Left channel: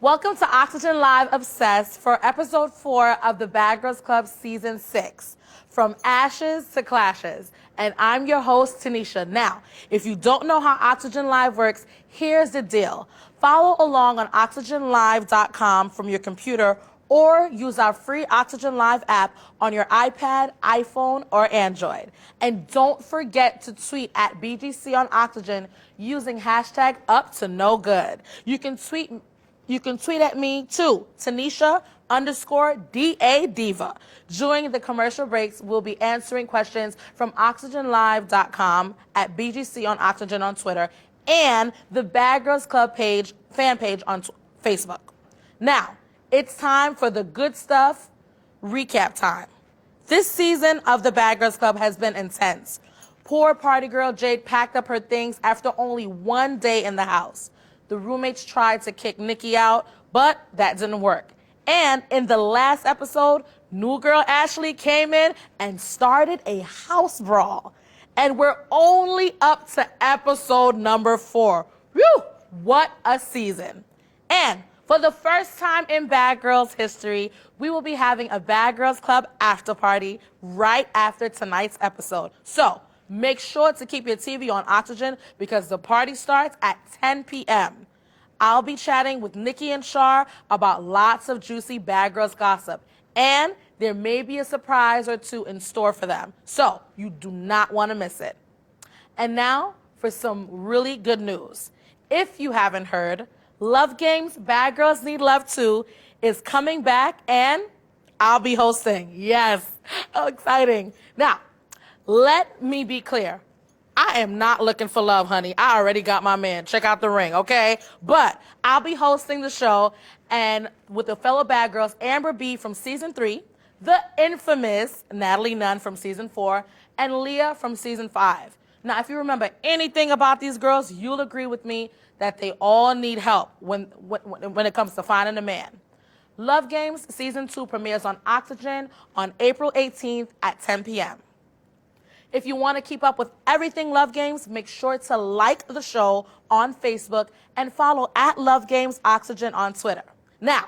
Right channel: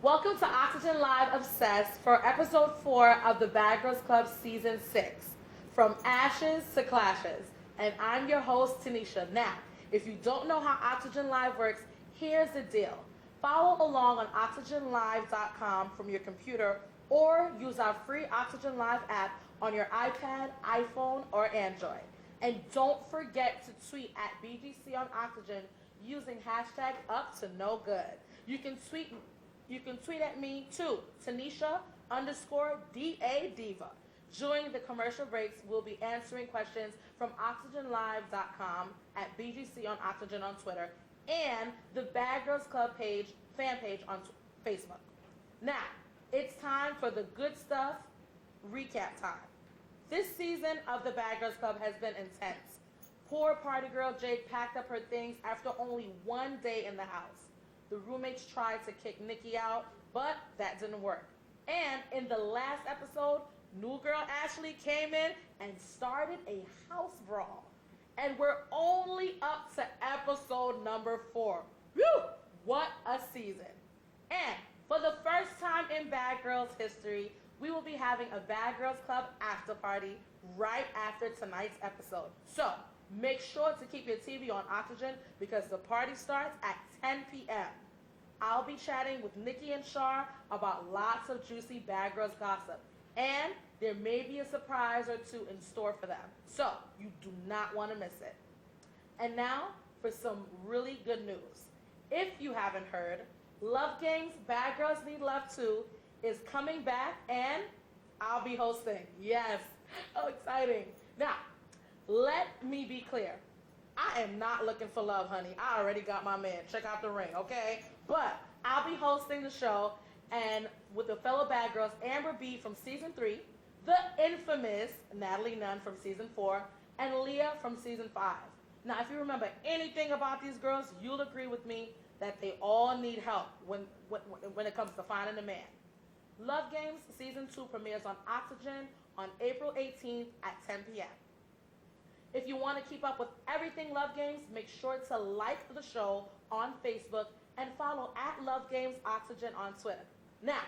Welcome to Oxygen Live Obsessed for episode 4 of the Bad Girls Club season 6, From Ashes to Clashes. And I'm your host, Tanisha. Now, if you don't know how Oxygen Live works, here's the deal. Follow along on oxygenlive.com from your computer or use our free Oxygen Live app on your iPad, iPhone, or Android. And don't forget to tweet at BGC on Oxygen using hashtag #UpToNoGood. You can tweet at me too, Tanisha_DA Diva. During the commercial breaks, we'll be answering questions from oxygenlive.com at BGC on Oxygen on Twitter and the Bad Girls Club fan page on Facebook. Now, it's time for the good stuff recap time. This season of the Bad Girls Club has been intense. Poor party girl Jade packed up her things after only one day in the house. The roommates tried to kick Nikki out, but that didn't work. And in the last episode, new girl Ashley came in and started a house brawl. And we're only up to episode number 4. Whew, what a season. And for the first time in Bad Girls history, we will be having a Bad Girls Club after party right after tonight's episode. So make sure to keep your TV on Oxygen because the party starts at 10 p.m. I'll be chatting with Nikki and Shar about lots of juicy Bad Girls gossip. And there may be a surprise or two in store for them. So you do not want to miss it. And now for some really good news. If you haven't heard, Love Games Bad Girls Need Love 2 is coming back and I'll be hosting. Yes, how exciting. Now, let me be clear. I am not looking for love, honey. I already got my man. Check out the ring, okay? But I'll be hosting the show and with the fellow Bad Girls, Amber B from season 3, the infamous Natalie Nunn from season 4, and Leah from season 5. Now, if you remember anything about these girls, you'll agree with me that they all need help when it comes to finding a man. Love Games Season 2 premieres on Oxygen on April 18th at 10 p.m. If you want to keep up with everything Love Games, make sure to like the show on Facebook and follow at Love Games Oxygen on Twitter. Now,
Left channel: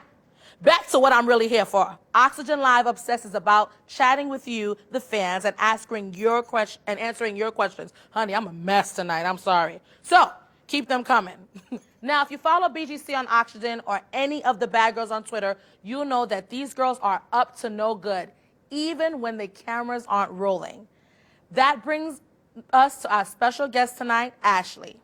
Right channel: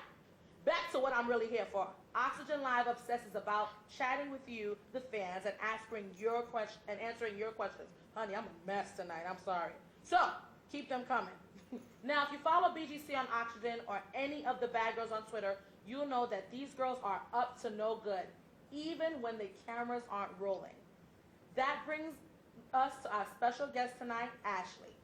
back to what I'm really here for. Oxygen Live Obsessed is about chatting with you, the fans, and answering your questions. Honey, I'm a mess tonight. I'm sorry. So, keep them coming. Now, if you follow BGC on Oxygen or any of the Bad Girls on Twitter, you'll know that these girls are up to no good, even when the cameras aren't rolling. That brings us to our special guest tonight, Ashley.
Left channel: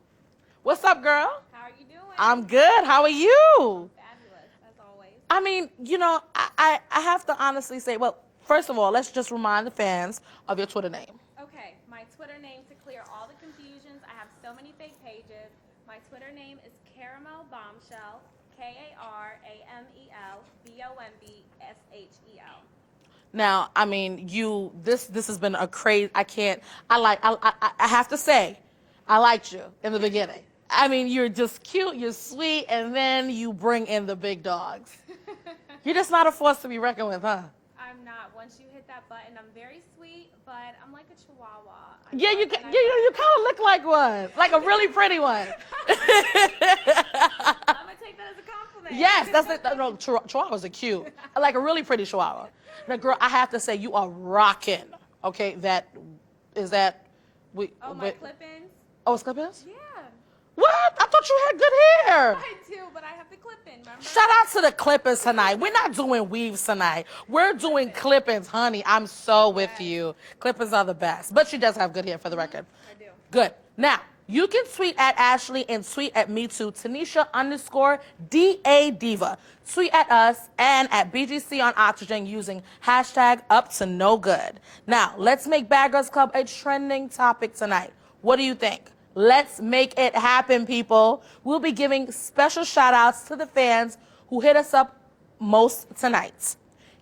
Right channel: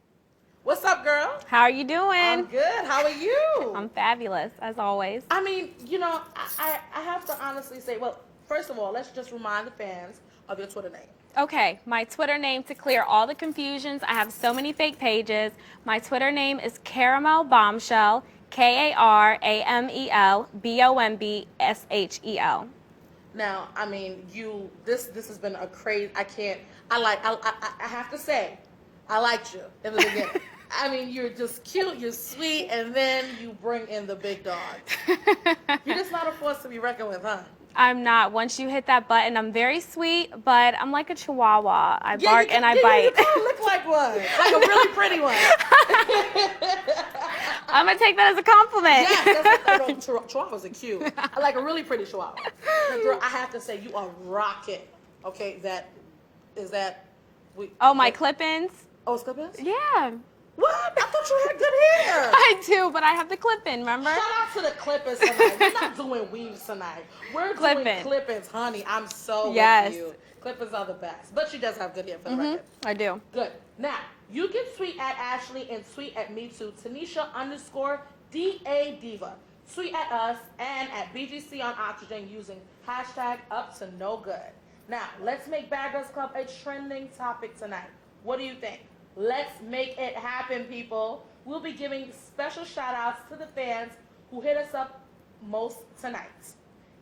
What's up, girl? How are you doing? I'm good. How are you? I'm fabulous, as always. I mean, you know, I have to honestly say, well, first of all, let's just remind the fans of your Twitter name. Okay, my Twitter name, to clear all the confusions, I have so many fake pages. My Twitter name is Caramel Bombshell, KARAMEL Now, I mean, this has been a crazy, I have to say, I liked you in the beginning. I mean, you're just cute, you're sweet, and then you bring in the big dogs. You're just not a force to be reckoned with, huh? I'm not. Once you hit that button, I'm very sweet, but I'm like a chihuahua. I bark and I bite. You kind of look like one, like a really pretty one. I'm going to take that as a compliment. Yes, chihuahuas are cute. I like a really pretty chihuahua. But girl, I have to say, you are rocking. Okay, my clip-ins? Oh, it's clip-ins? Yeah. What? I thought you had good hair. I do, but I have the clip-in, remember? Shout out to the clip-ins tonight. We're not doing weaves tonight. We're doing clip-ins, honey. I'm so with you. Clip-ins are the best. But she does have good hair for the record. I do. Good. Now, you can tweet at Ashley and tweet at me too, Tanisha_DA Diva. Tweet at us and at BGC on Oxygen using hashtag #UpToNoGood. Now, let's make Bad Girls Club a trending topic tonight. What do you think? Let's make it happen, people. We'll be giving special shout-outs to the fans who hit us up most tonight.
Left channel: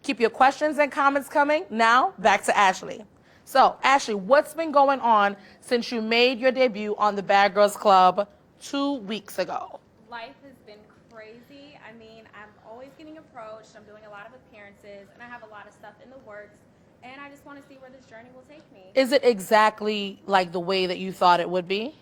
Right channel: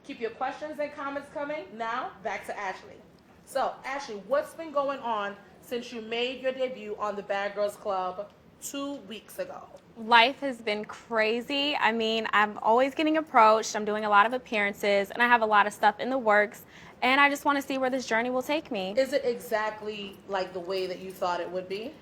Keep your questions and comments coming. Now, back to Ashley. So, Ashley, what's been going on since you made your debut on the Bad Girls Club 2 weeks ago? Life has been crazy. I mean, I'm always getting approached. I'm doing a lot of appearances, and I have a lot of stuff in the works. And I just want to see where this journey will take me. Is it exactly like the way that you thought it would be?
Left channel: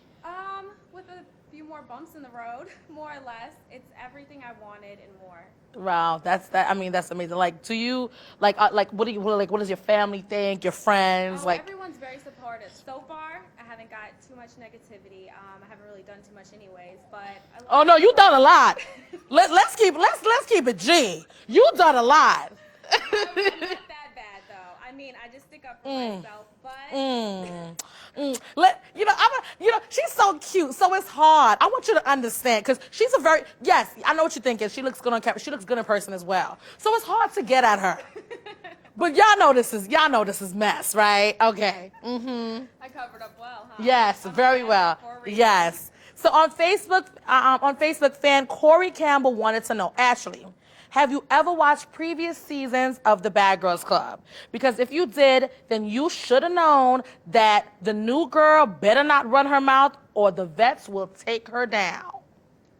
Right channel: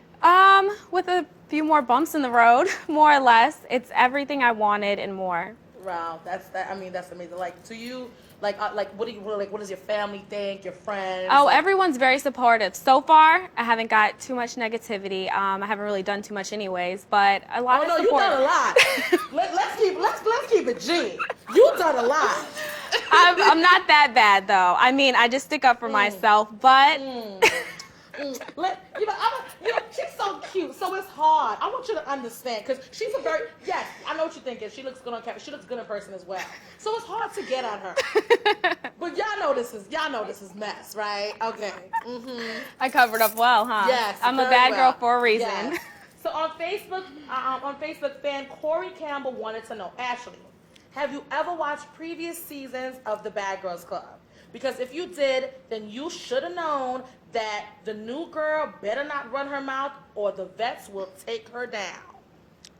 With a few more bumps in the road, more or less. It's everything I wanted and more. Wow, that's amazing. Like, to you, what does your family think? Your friends? Oh, like, everyone's very supportive. So far, I haven't got too much negativity. I haven't really done too much anyways, but a lot Oh of no, support. you done a lot. let's keep it G. You done a lot. I'm not that bad though. I mean, I just stick up for myself, but She's so cute, so it's hard. I want you to understand, because she's yes, I know what you're thinking. She looks good on camera. She looks good in person as well. So it's hard to get at her. But y'all know this is mess, right? Okay. I covered up well, huh? Yes, I'm a very bad well. girl for a reason. Yes. So on Facebook, fan Corey Campbell wanted to know, Ashley, have you ever watched previous seasons of the Bad Girls Club? Because if you did, then you should have known that the new girl better not run her mouth or the vets will take her down.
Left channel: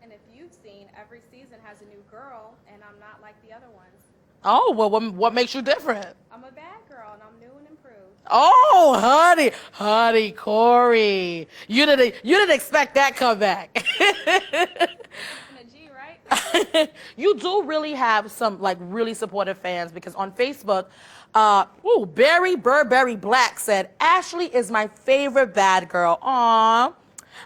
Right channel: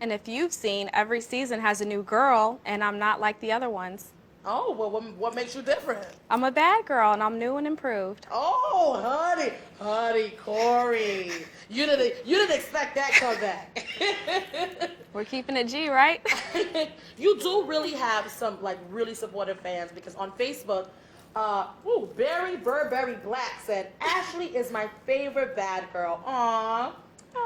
And if you've seen, every season has a new girl, and I'm not like the other ones. Oh, well, what makes you different? I'm a bad girl, and I'm new and improved. Oh, honey, Corey. You didn't expect that comeback. We're keeping it G, right? You do really have some really supportive fans, because on Facebook, Barry Burberry Black said, Ashley is my favorite bad girl. Aww.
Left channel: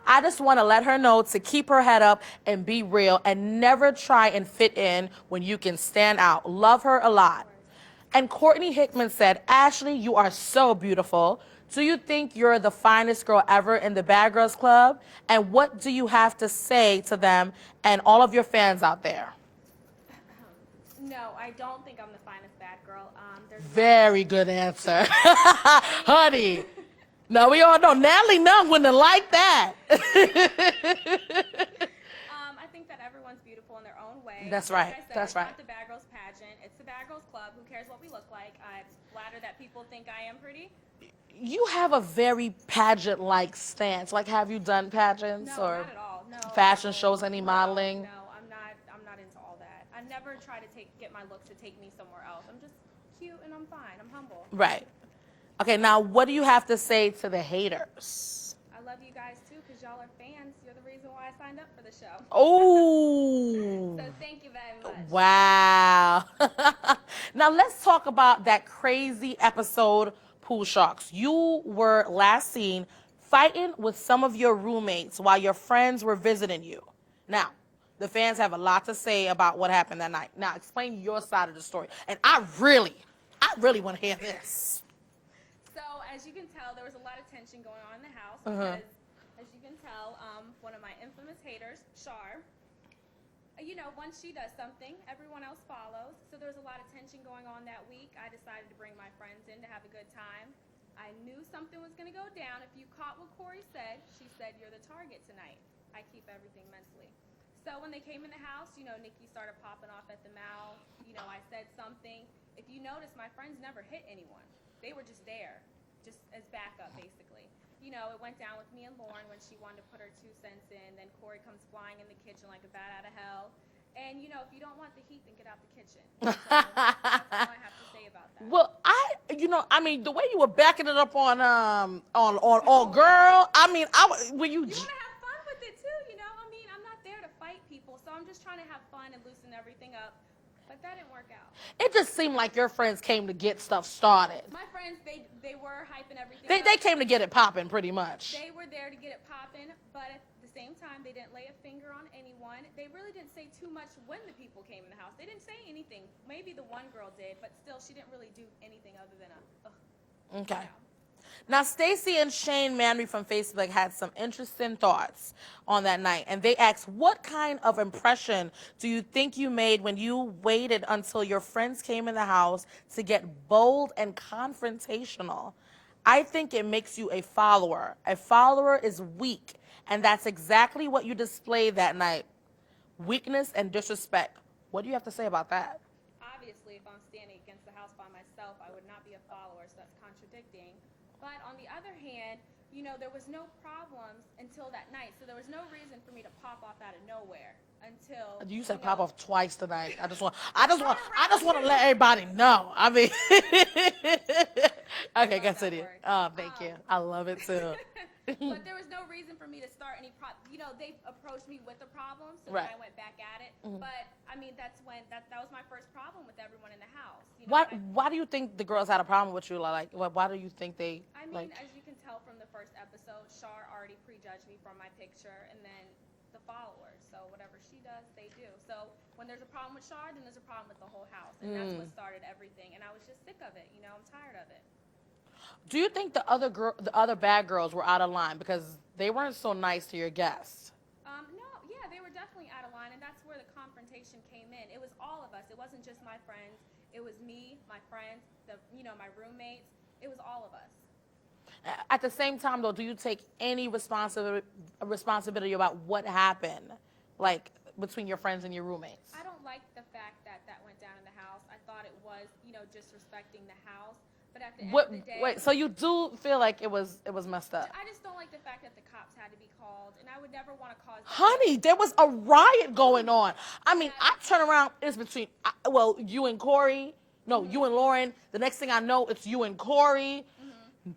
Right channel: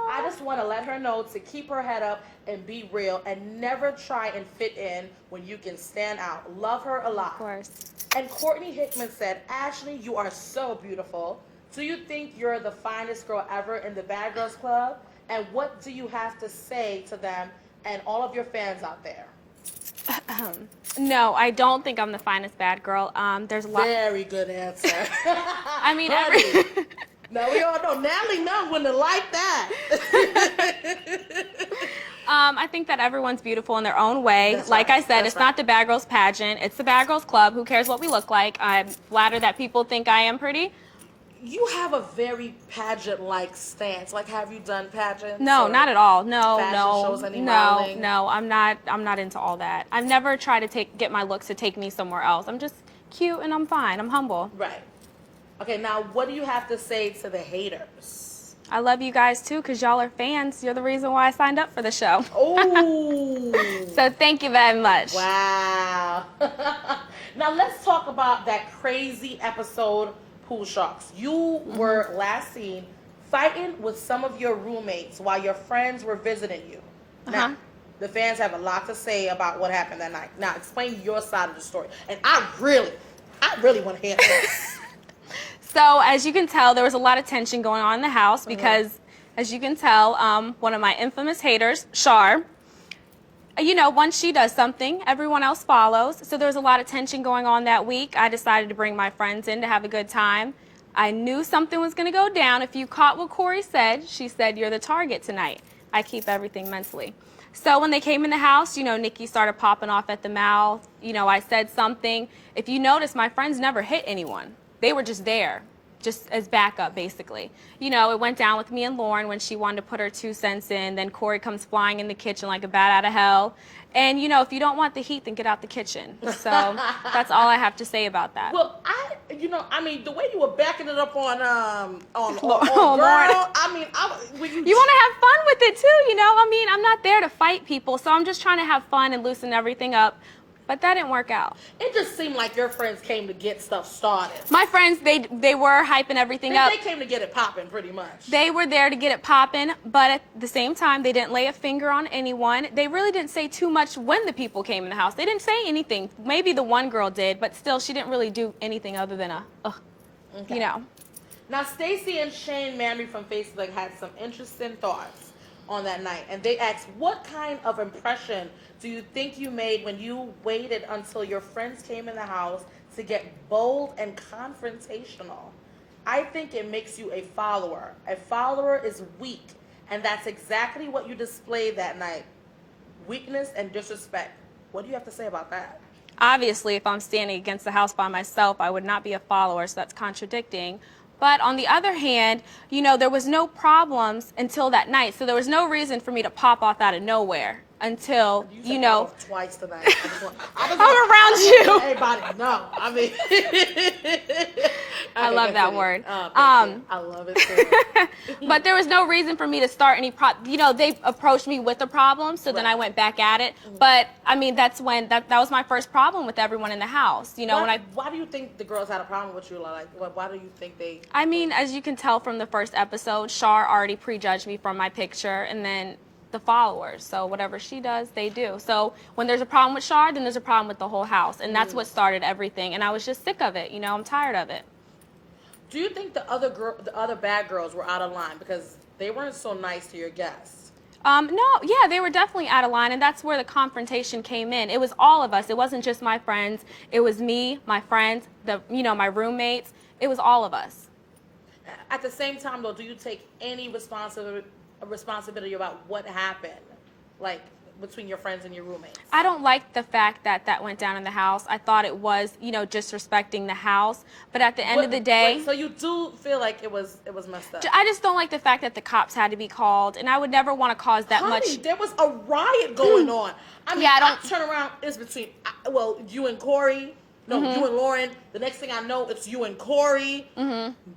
I just want to let her know to keep her head up and be real and never try and fit in when you can stand out. Love her a lot. Of course. And Courtney Hickman said, Ashley, you are so beautiful. Do you think you're the finest girl ever in the Bad Girls Club? And what do you have to say to them and all of your fans out there? No, I don't think I'm the finest bad girl. There's a lot. Very good answer. I mean, honey. No, we all know Natalie Nunn wouldn't have liked that. I think that everyone's beautiful in their own way. That's like right. I said, That's it's right. not the Bad Girls pageant. It's the Bad Girls Club. Who cares what we look like? I'm flattered that people think I am pretty. You have a very pageant-like stance. Like, have you done pageants? No, or not at all. No, fashion no, shows, any no, modeling? no. I'm not into all that. I've never tried to get my looks to take me somewhere else. I'm just cute and I'm fine. I'm humble. Right. Okay, now what do you have to say to the haters? I love you guys too, because y'all are fans. You're the reason why I signed up for the show. Oh. So thank you very much. Wow. Now let's talk about that crazy episode, Pool Sharks. You were last seen fighting with some of your roommates while your friends were visiting you. Now, the fans have a lot to say about what happened that night. Now, explain your side of the story. And I really want to hear this. So as you can tell, there was a lot of tension going on in the house because, as you can tell, one of my infamous haters, Shar, once she does something, everyone else follows. So there was a lot of tension going on that week. I decided to bring my friends in to have a good time. I knew something was going to go down. If you caught what Corey said, she said, you're the target tonight. I keep everything mentally. So when they came in the house, Nikki started popping off at the mouth. I said something. If you notice, my friends never hit anyone. They were just there, just as backup, basically. It went down with me and Lauren when she wanted to put her 2 cents in. Then Corey comes flying in the kitchen like a bat out of hell. And, if you don't want the heat, then get out the kitchen. So that's all I have to say about that. Well, the way you were backing it up on Lauren. girl, You want to have fun with it, too, I'm not there to fight people, so I'm just trying to have fun and loosen everything up. But that didn't work out. It just seemed like your friends came to get stuff started. My friends, they were hyping everything up. They came to get it popping, pretty much. They were there to get it popping, but at the same time, they didn't lay a finger on anyone. They really didn't say too much when the people came in the house. They didn't say anything. Maybe the one girl did, but still, she didn't really do anything other than Okay. Now, Stacy and Shane Manry from Facebook had some interesting thoughts on that night, and they asked, what kind of impression do you think you made when you waited until your friends came in the house to get bold and confrontational? I think it makes you a follower. A follower is weak, and that's exactly what you displayed that night. Weakness and disrespect. What do you have to say about that? Obviously, if I'm standing against the house by myself, I would not be a follower, so that's contradicting. But on the other hand, there was no problems until that night. So there was no reason for me to pop off out of nowhere until, You said pop off twice tonight. I just want I'm around you. Everybody know. I Okay, love good that city. word. Oh, thank you. I love it too. But there was no reason for me to start any they approached me with a problem, so then Right. I went back at it. But I mean, that's when that was my first problem with everyone in the house. You know, Why do you think the girls had a problem with you? Like, why do you think they? I mean, as you can tell from the first episode, Shar already prejudged me from my picture, and then the followers. So whatever she does, they do. So when there's a problem with Shar, then there's a problem with the whole house, and that's what started everything. And I was just sick of it. You know, I'm tired of it. Do you think the other bad girls were out of line because they weren't so nice to your guests? No, yeah, they were definitely out of line, and that's where the confrontation came in. It was all of us. It wasn't just my friends. It was me, my friends, my roommates. It was all of us. At the same time, though, do you take any responsibility about what happened, like between your friends and your roommates? I don't like the fact that that went down in the house. I thought it was, disrespecting the house. But at the end of the day, so you do feel like it was messed up. I just don't like the fact that the cops had to be called, and I would never want to cause that much. Honey, there was a riot going on. I mean, Yeah, I turn around. It's between you and Corey. No, you and Lauren. The next thing I know, it's you and Corey.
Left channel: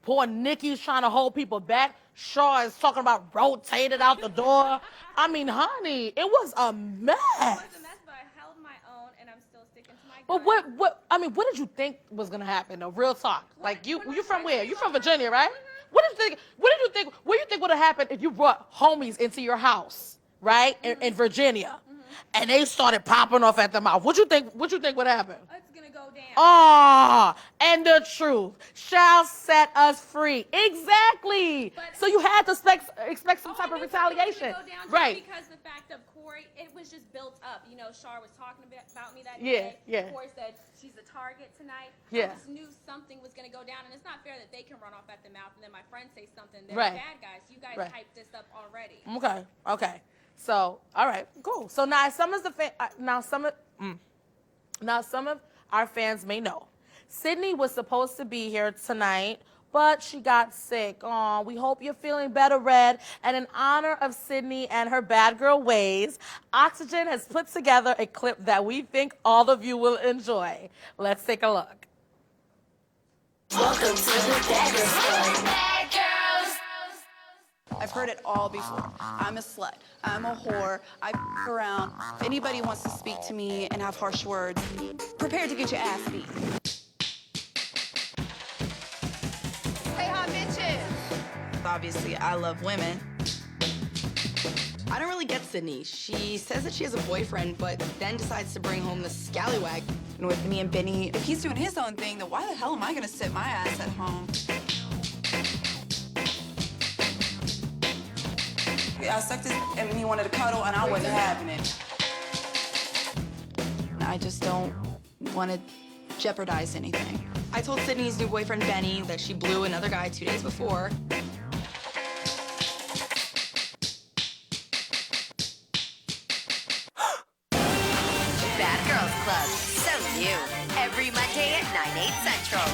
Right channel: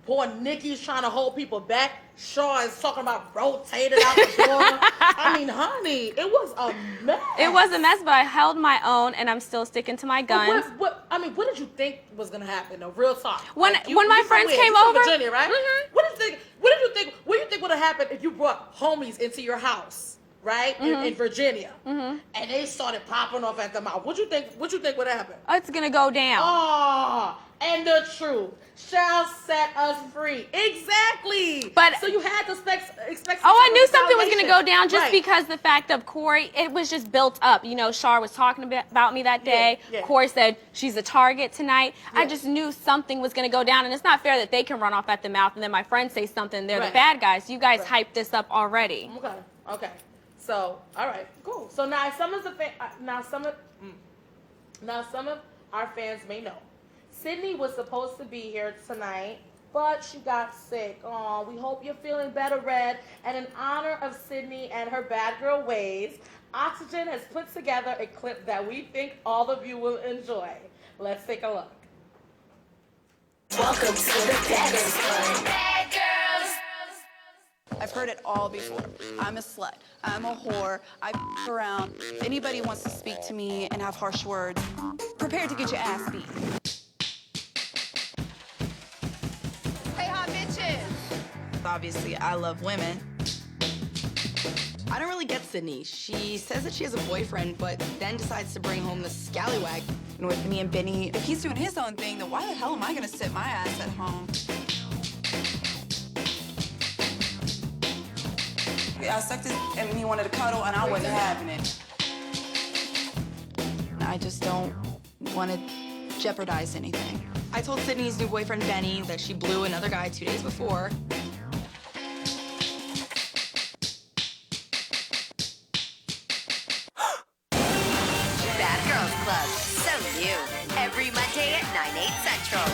Poor Nikki's trying to hold people back. Shaw is talking about rotated out the door. I mean, honey, it was a mess. It was a mess, but I held my own, and I'm still sticking to my guns. What did you think was gonna happen? No, real talk. When my friends came You're over, from Virginia, right? What did you think? What do you think would have happened if you brought homies into your house? Right in Virginia, and they started popping off at the mouth. What you think would happen? It's gonna go down. And the truth shall set us free. Exactly. But so you had to expect. I knew something was gonna go down just right. because the fact of Corey. It was just built up. Shar was talking about me that day. Yeah. Corey said she's a target tonight. Yeah. I just knew something was gonna go down, and it's not fair that they can run off at the mouth and then my friends say something. They're Right. the bad guys. You guys Right. hyped this up already. Okay. So, all right, cool. So now some of our fans may know, Sydney was supposed to be here tonight, but she got sick. Oh, we hope you're feeling better, Red. And in honor of Sydney and her bad girl ways, Oxygen has put together a clip that we think all of you will enjoy. Let's take a look. Welcome to the Bad Girls. I've heard it all before. I'm a slut. I'm a whore. I f around. If anybody wants to speak to me and have harsh words, prepare to get your ass beat. Hey, hot bitches. Obviously, I love women. I don't really get Sydney. She says that she has a boyfriend, but then decides to bring home the scallywag. And with me and Benny, if he's doing his own thing, then why the hell am I gonna sit my ass at home? I sucked his and he wanted to cuddle, and I wasn't having it. I just don't want to jeopardize anything. I told Sydney's new boyfriend, Benny, that she blew another guy 2 days before. Bad Girls Club, so new. Every Monday at 9/8 Central.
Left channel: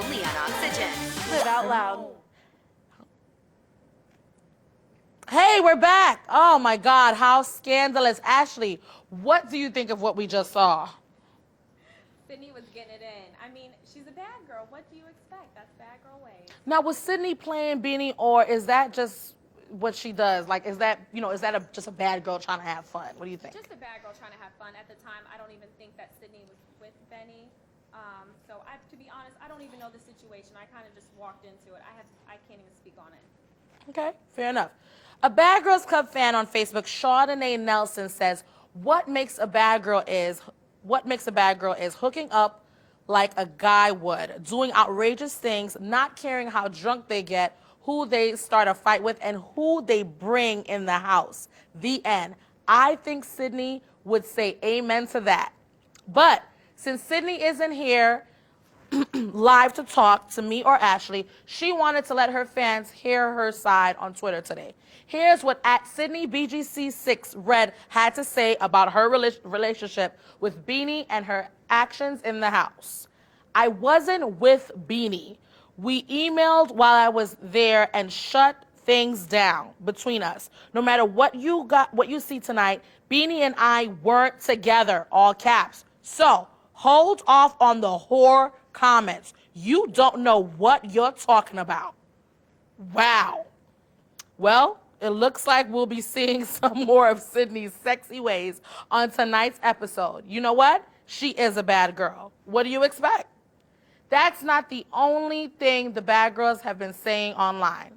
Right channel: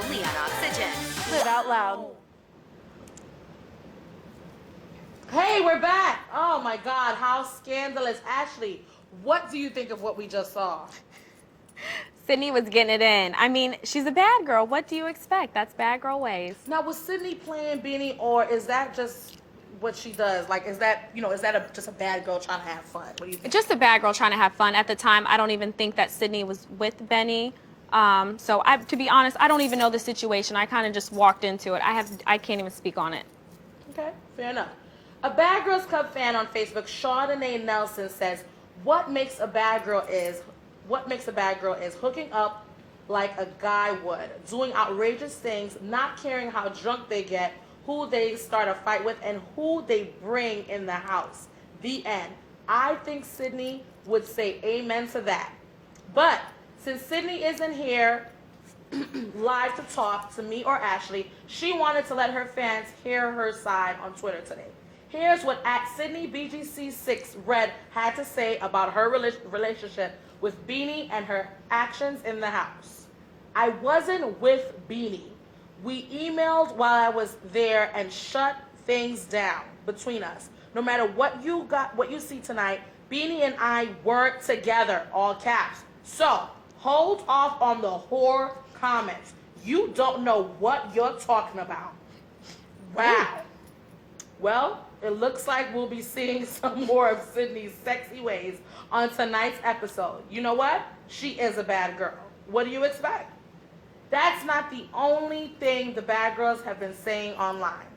Only on Oxygen. Live out loud. Hey, we're back. Oh my God, how scandalous. Ashley, what do you think of what we just saw? Sydney was getting it in. I mean, she's a bad girl. What do you expect? That's bad girl ways. Now, was Sydney playing Beanie, or is that just what she does? Like, is that just a bad girl trying to have fun? What do you think? Just a bad girl trying to have fun. At the time, I don't even think that Sydney was with Benny. To be honest, I don't even know the situation. I kind of just walked into it. I can't even speak on it. Okay, fair enough. A Bad Girls Club fan on Facebook, Chardonnay Nelson, says, what makes a bad girl is hooking up like a guy would, doing outrageous things, not caring how drunk they get, who they start a fight with, and who they bring in the house. The end. I think Sydney would say amen to that. But since Sydney isn't here live to talk to me or Ashley, she wanted to let her fans hear her side on Twitter today. Here's what Sydney BGC6 Red had to say about her relationship with Beanie and her actions in the house. I wasn't with Beanie. We emailed while I was there and shut things down between us. No matter what you see tonight, Beanie and I weren't together, all caps. So hold off on the whore comments. You don't know what you're talking about. Wow. Well, it looks like we'll be seeing some more of Sydney's sexy ways on tonight's episode. You know what? She is a bad girl. What do you expect? That's not the only thing the bad girls have been saying online.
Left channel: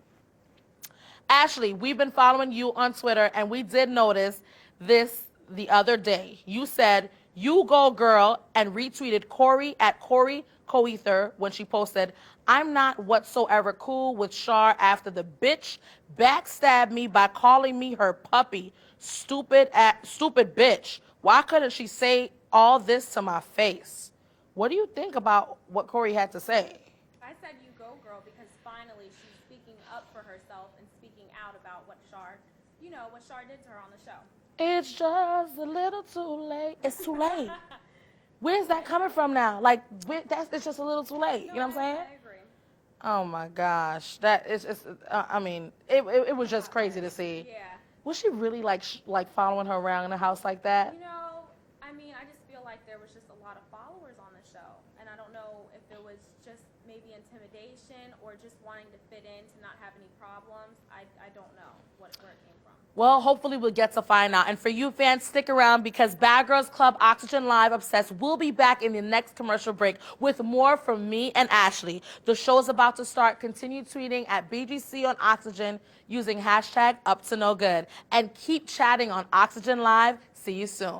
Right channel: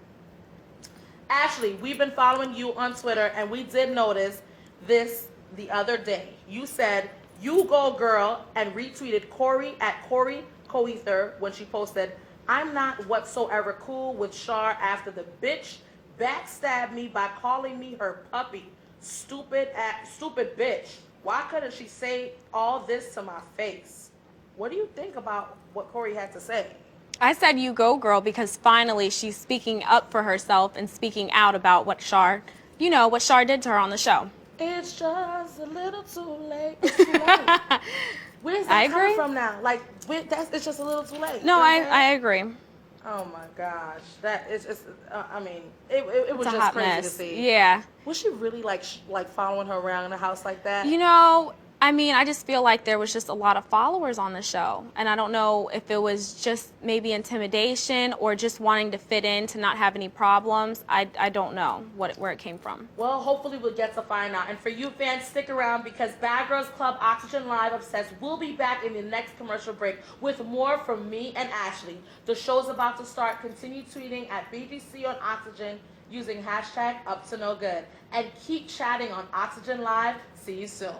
Ashley, we've been following you on Twitter, and we did notice this the other day. You said, "You go girl," and retweeted Corey at Corey Coether when she posted, "I'm not whatsoever cool with Shar after the bitch backstabbed me by calling me her puppy. Stupid bitch. Why couldn't she say all this to my face?" What do you think about what Corey had to say? I said you go, girl, because finally she's speaking up for herself and speaking out about what Shar did to her on the show. It's just a little too late. It's too late. Where's that coming from now? Like, it's just a little too late. No, I agree. Oh my gosh, that is just. I mean, it was It's a just hot crazy mess. to see. Yeah. Was she really like following her around in a house like that? You know, I mean, I just feel like there was just a lot of followers on the show. And I don't know if it was just maybe intimidation or just wanting to fit in to not have any problems. I don't know where it came from. Well, hopefully we'll get to find out. And for you fans, stick around because Bad Girls Club Oxygen Live Obsessed will be back in the next commercial break with more from me and Ashley. The show's about to start. Continue tweeting at BGC on Oxygen using hashtag UpToNoGood. And keep chatting on Oxygen Live. See you soon.